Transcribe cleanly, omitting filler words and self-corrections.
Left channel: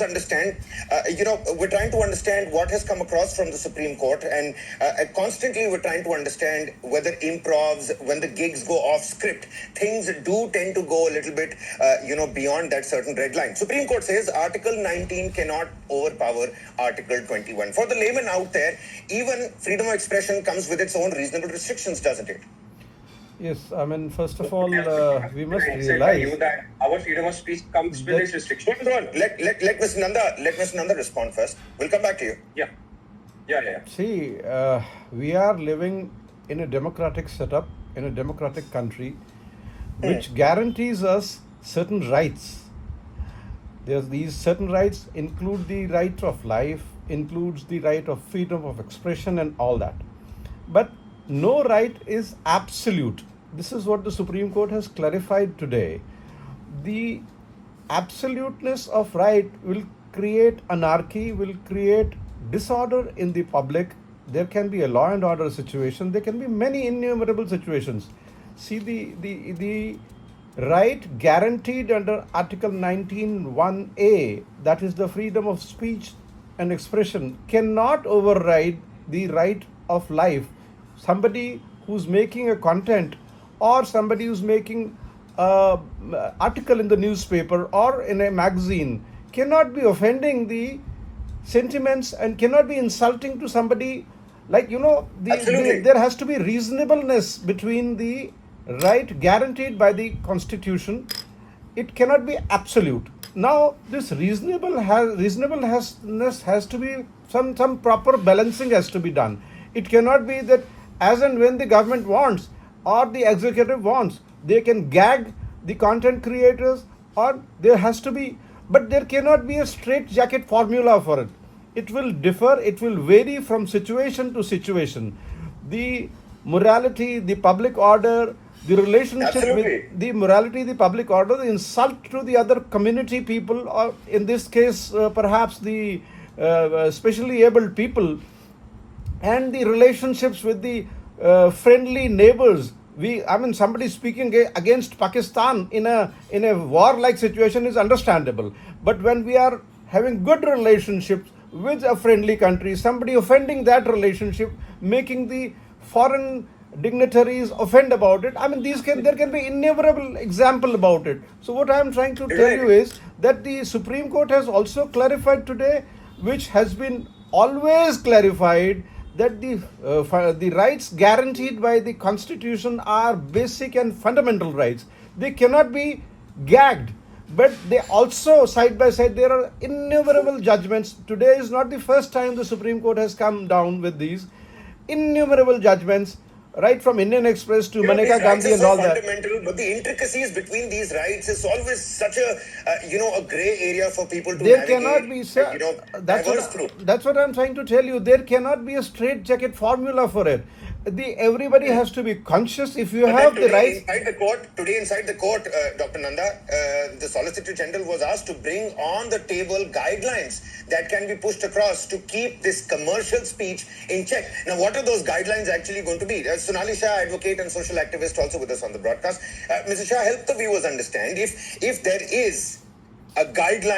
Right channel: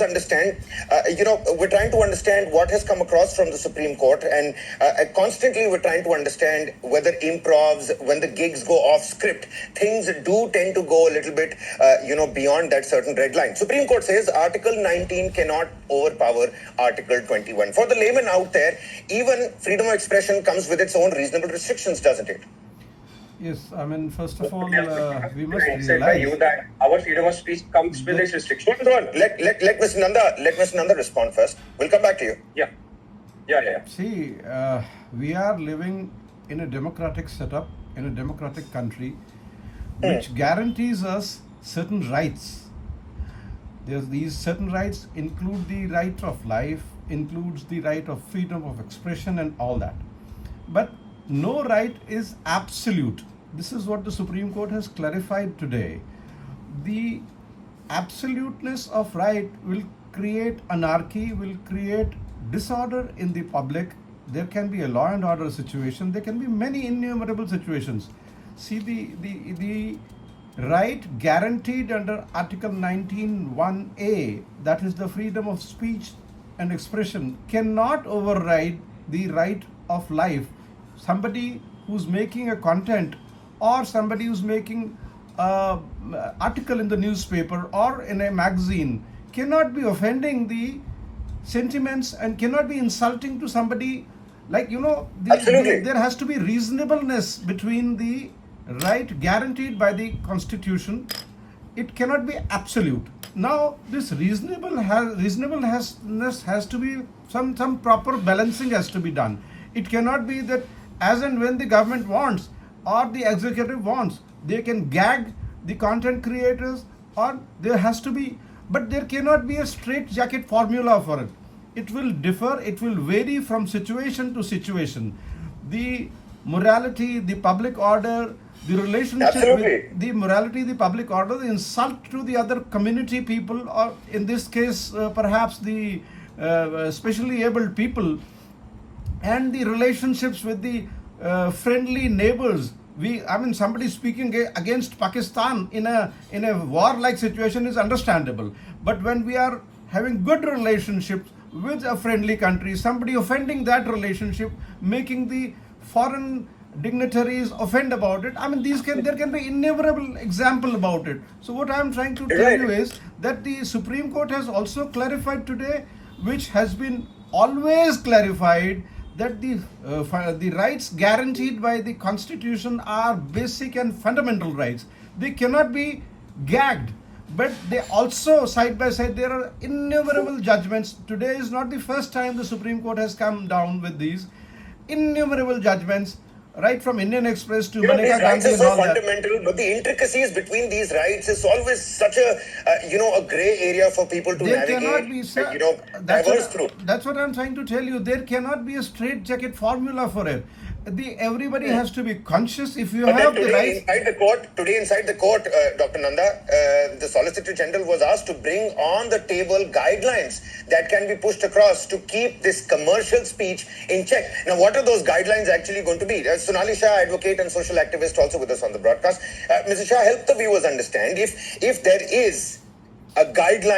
understand, we're trying to understand what has come across from the Supreme Court, and constantly we're trying to understand whether improvs, when the gigs go off script, things do tend to go a little bit, beyond that certain red line. Supreme Court says Article 19 cannot overpower Article 21. For the layman out there, even freedom of expression comes with its own reasonable restrictions, doesn't it? Yes, I mean, first of all, we must said by you realize that our freedom of speech comes with its restrictions. Hold on. Let Mr. Nanda respond first. We'll come back to you. Yeah. see, we are living in a democratic setup, in a democratic country, which guarantees us certain rights. These certain rights include the right of life, includes the right of freedom of expression and all that. But no right is absolute. This is what the Supreme Court has clarified today. The absoluteness of right will create anarchy, will create disorder in the public. There can be a law and order situation. There can be many innumerable situations. See, the right guaranteed under Article 19(1)(a), that is the freedom of speech and expression, cannot override the right of life. Somebody who's making a content, or somebody who's making an article in the newspaper or in a magazine, cannot be offending the sentiments and cannot be insulting to somebody. There has to be reasonableness between the right guaranteed by the Constitution. It cannot be absolute. Now, this reasonableness has to be some proper balancing has to be done. It cannot be that as and when the government wants or the executive wants, they can gag the content creators, or there has to be, but there cannot be a straitjacket formula for it. It will differ, it will vary from situation to situation. The morality, the public order, the relationship with the morality, the public order, the insult to the other community people, or in this case, perhaps the specially abled people, and the relationships with the friendly neighbors. Somebody speaking against Pakistan in a war-like situation is understandable. But when we are having good relationships with a friendly country, somebody offending that relationship, making the foreign dignitaries offend about it, there can be innumerable example about it. So what I am trying to tell you is that the Supreme Court has also clarified today, which has been always clarified, that the rights guaranteed by the Constitution are basic and fundamental rights. They cannot be gagged. But they also, side by side, there are innumerable judgments. Today is not the first time the Supreme Court has come down with these innumerable judgments, right from Indian Express to Maneka Gandhi and all that. Fundamental, but the intricacies between these rights is always such a grey area for people to navigate. There cannot be, sir. That's what I'm trying to tell you. There cannot be a straitjacket formula for it. Everybody has to be conscious. If you have the right. Inside the court, Dr. Nanda, the Solicitor General was asked to bring on the table guidelines that can be pushed across to keep this commercial speech in check. Now, what are those guidelines actually going to be? Sonali Shah, advocate and social activist, also with us on the broadcast. Mr. Shah, help the viewers understand if there is a guideline